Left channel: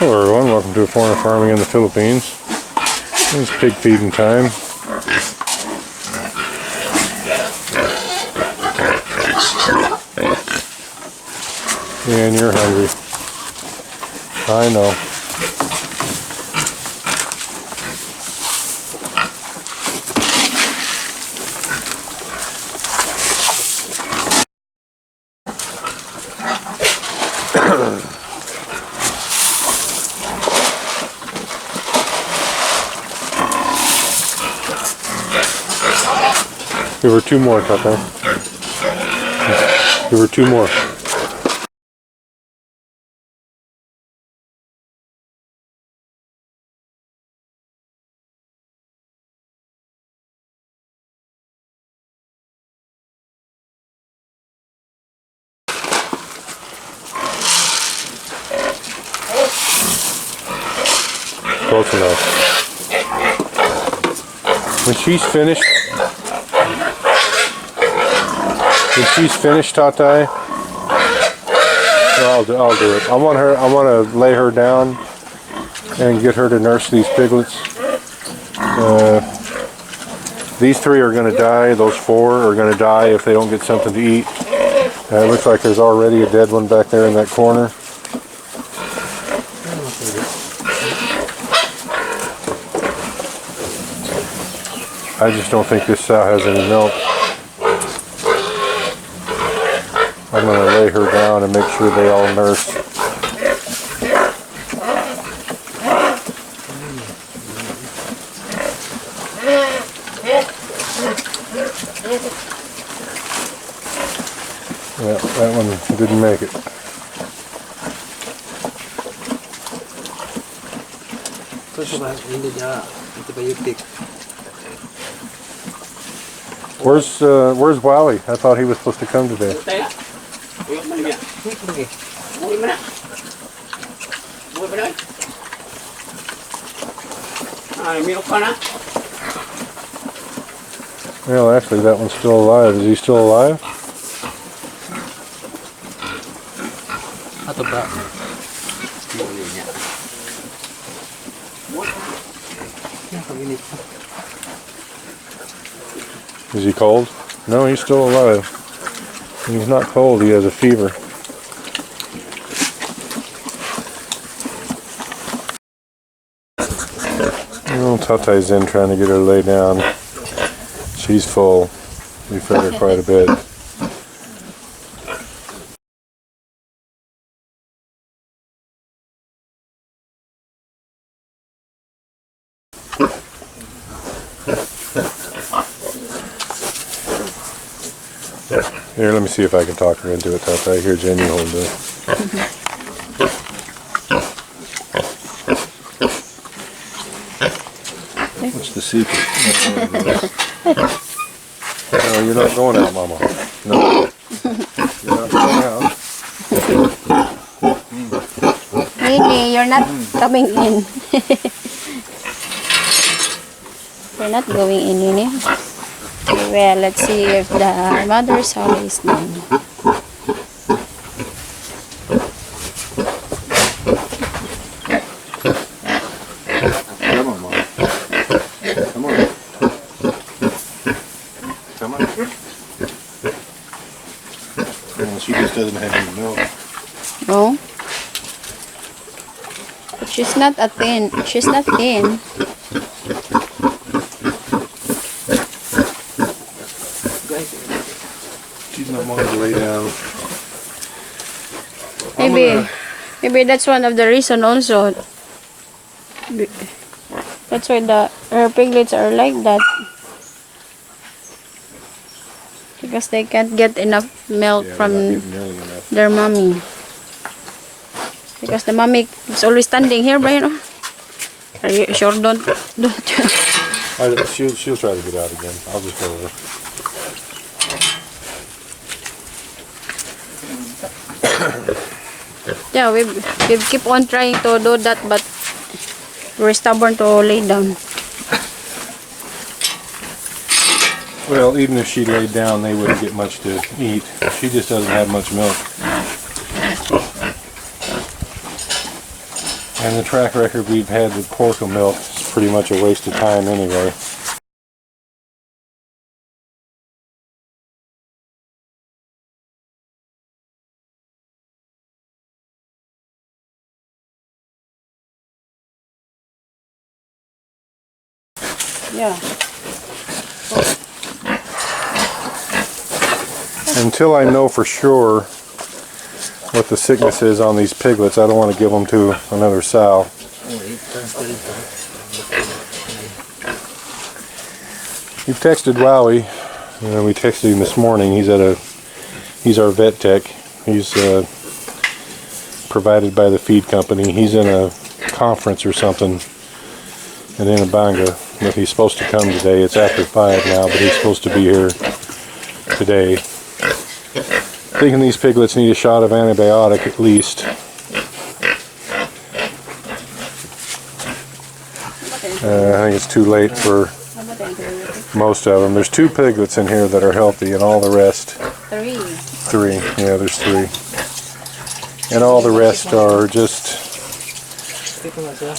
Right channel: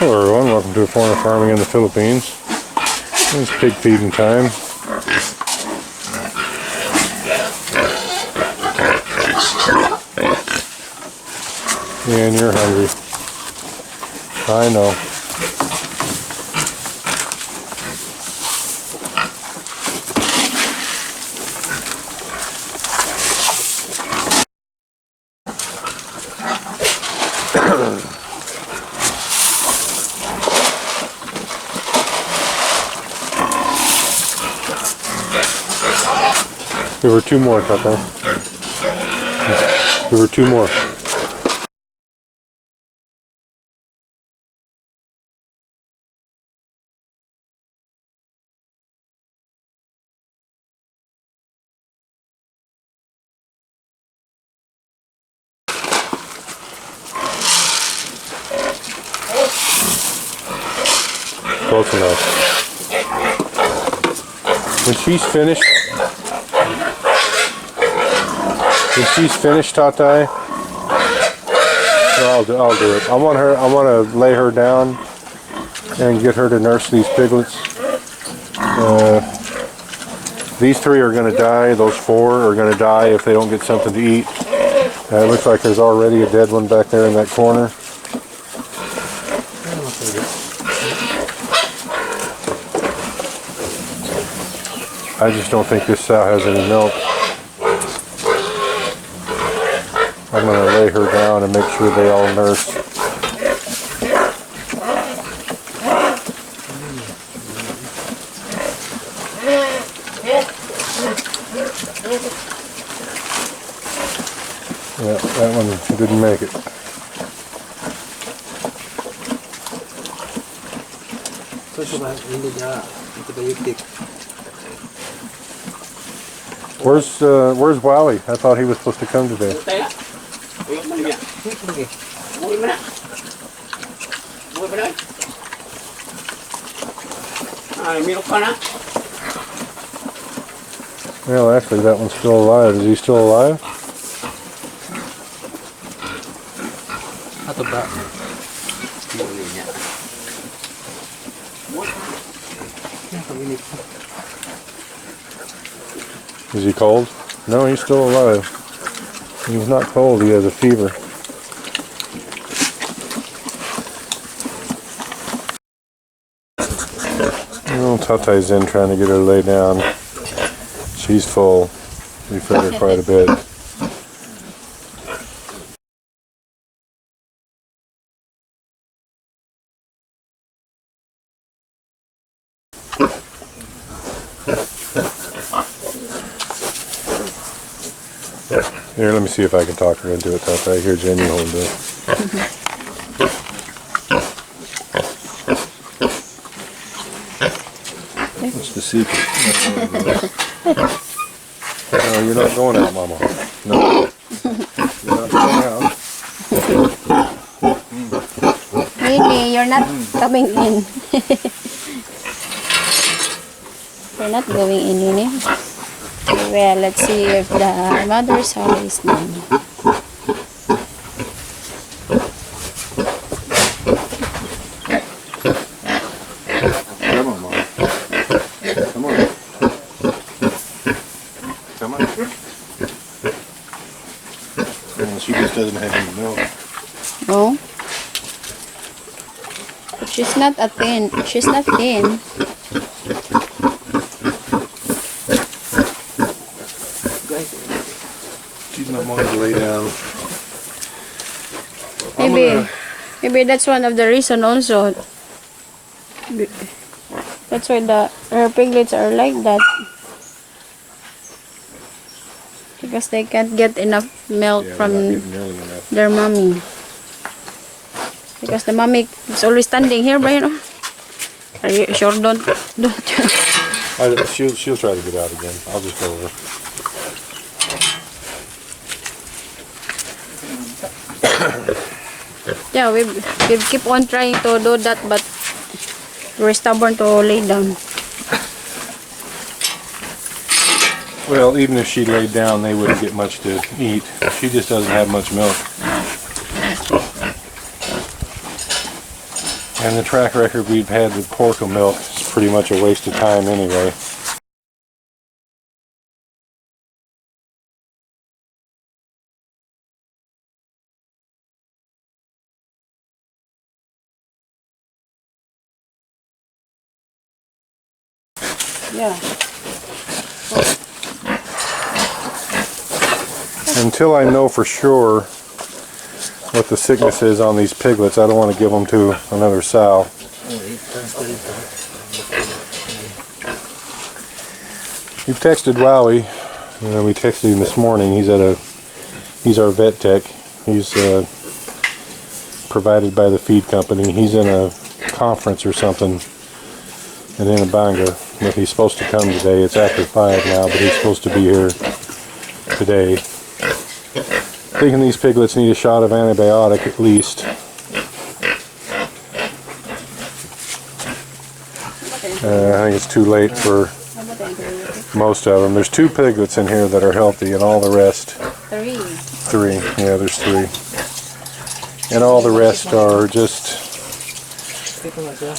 Hello everyone, welcome to Foreigner Farming in the Philippines. It's pig feeding time. And you're hungry. I know. There were two more, Tata. There were two more. Close enough. When she's finished, Tatai, I'll do it. I want to lay her down and get her to nurse these piglets. These three are going to die. Those four are going to die if they don't get something to eat. It looks like there's already a dead one back there in that corner. I just don't think this sow has any milk. I'm going to lay her down and make sure they all nurse. Yeah, that one didn't make it. Where's Wally? I thought he was supposed to come today. Well, actually, that one's still alive. Is he still alive? Is he cold? No, he's still alive. He's not cold, he has a fever. Oh, Tatai's in trying to get her to lay down. She's full. We fed her quite a bit. Here, let me see if I can talk her into it, Tatai. Here, Jen, you hold this. What's the secret? No, you're not going out, Mama. No. You're not going out. Really, you're not coming in. You're not going in, you know? Well, let's see if the mother's sow is done. Come on, Mom. Come on. Come on. Well, she just doesn't have any milk. No? But she's not thin. She's not thin. She's not wanting to lay down. Maybe that's one of the reason also. That's why her piglets are like that. Because they can't get enough milk from their mommy. Because the mommy is always standing here, but you know. Are you sure? Don't. She'll try to get out again. I'll just go over. Yeah, we keep on trying to do that, but we're stubborn to lay down. Well, even if she laid down, they wouldn't get much to eat. She just doesn't have much milk. And the track record we've had with pork milk is pretty much a waste of time anyway. Yeah. Until I know for sure what the sickness is on these piglets, I don't want to give them to another sow. We've texted Wowie. We texted him this morning. He's our vet tech. He's provided by the feed company. He's in a conference or something in Inabanga. But he's supposed to come today. It's after 5 now, but he's supposed to be here today. Thinking these piglets need a shot of antibiotic at least. I think it's too late for most of them. There's 2 piglets in here that are healthy, and all the rest. 3. 3. Yeah, there's 3. And all the rest are just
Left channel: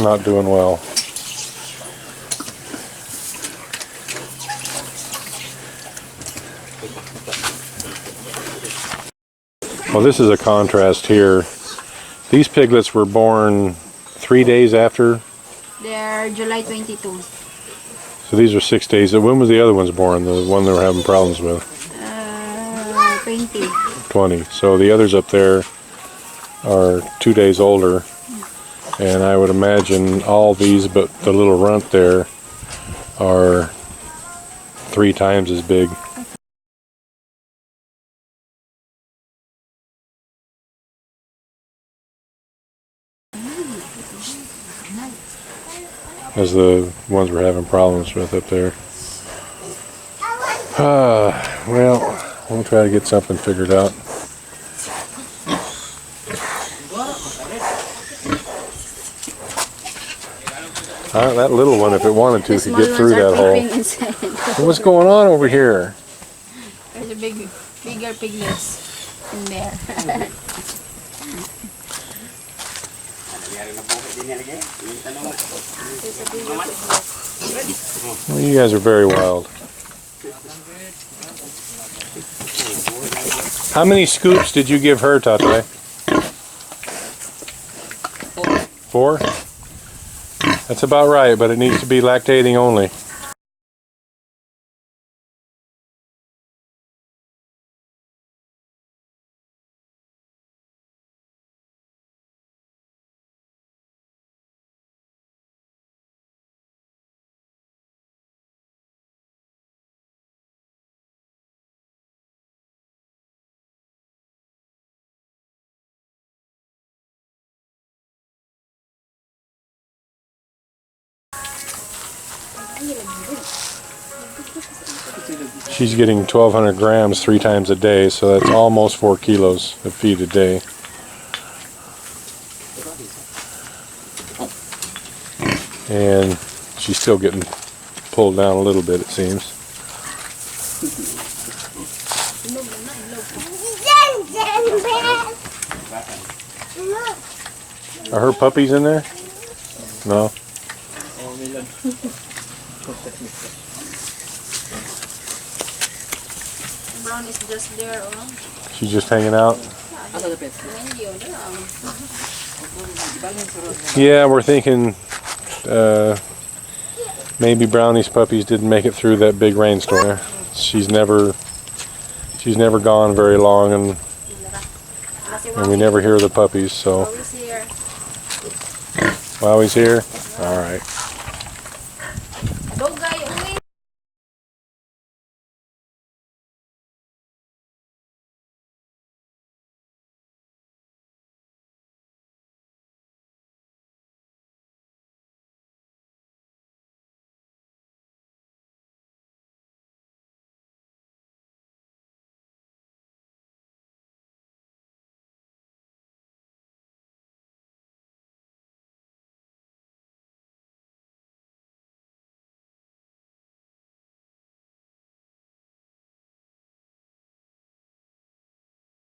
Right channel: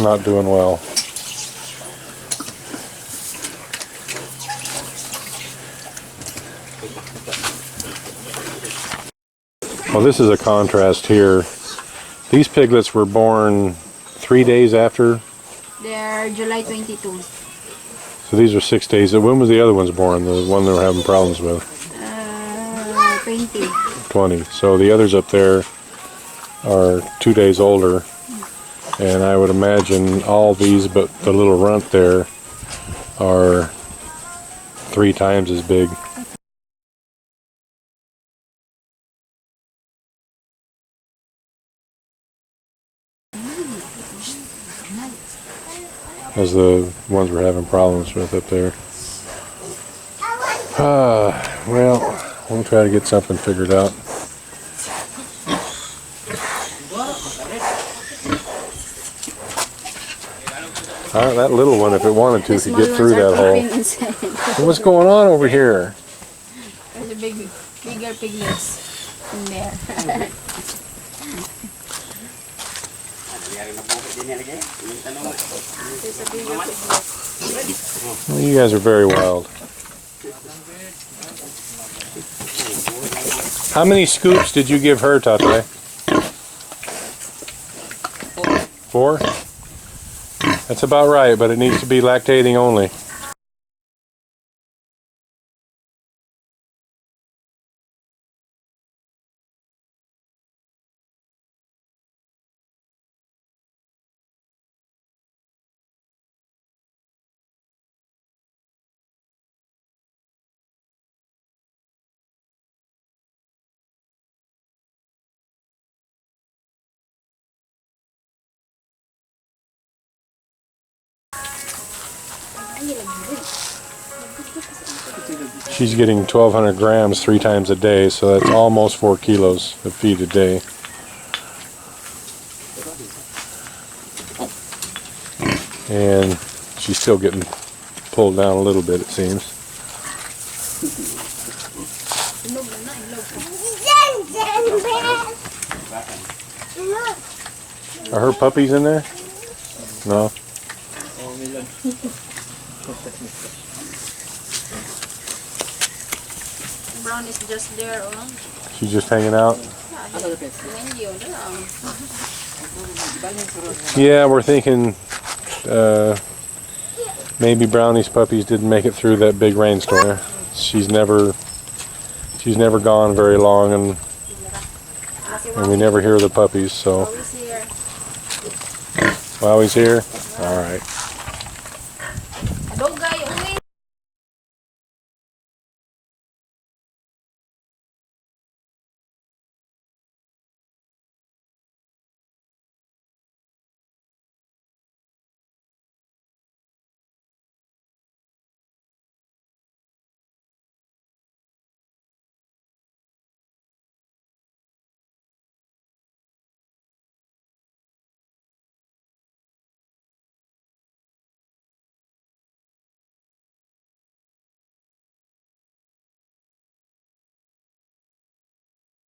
not doing well. Well, this is a contrast here. These piglets were born 3 days after. They're July 22. So these are 6 days. When was the other ones born? The one they were having problems with? 20. 20. So the others up there are 2 days older. And I would imagine all these, but the little runt there, are 3 times as big. As the ones we're having problems with up there. Well, we'll try to get something figured out. That little one, if it wanted to, could get through that hole. What's going on over here? There's a bigger piglets in there. Well, you guys are very wild. How many scoops did you give her, Tate? 4? That's about right, but it needs to be lactating only. She's getting 1,200 grams 3 times a day, so that's almost 4 kilos of feed a day. And she's still getting pulled down a little bit, it seems. Are her puppies in there? No. Brown is just there. She's just hanging out? Yeah, we're thinking maybe Brownie's puppies didn't make it through that big rainstorm. She's never gone very long, and we never hear the puppies, so. Wowie's here? All right.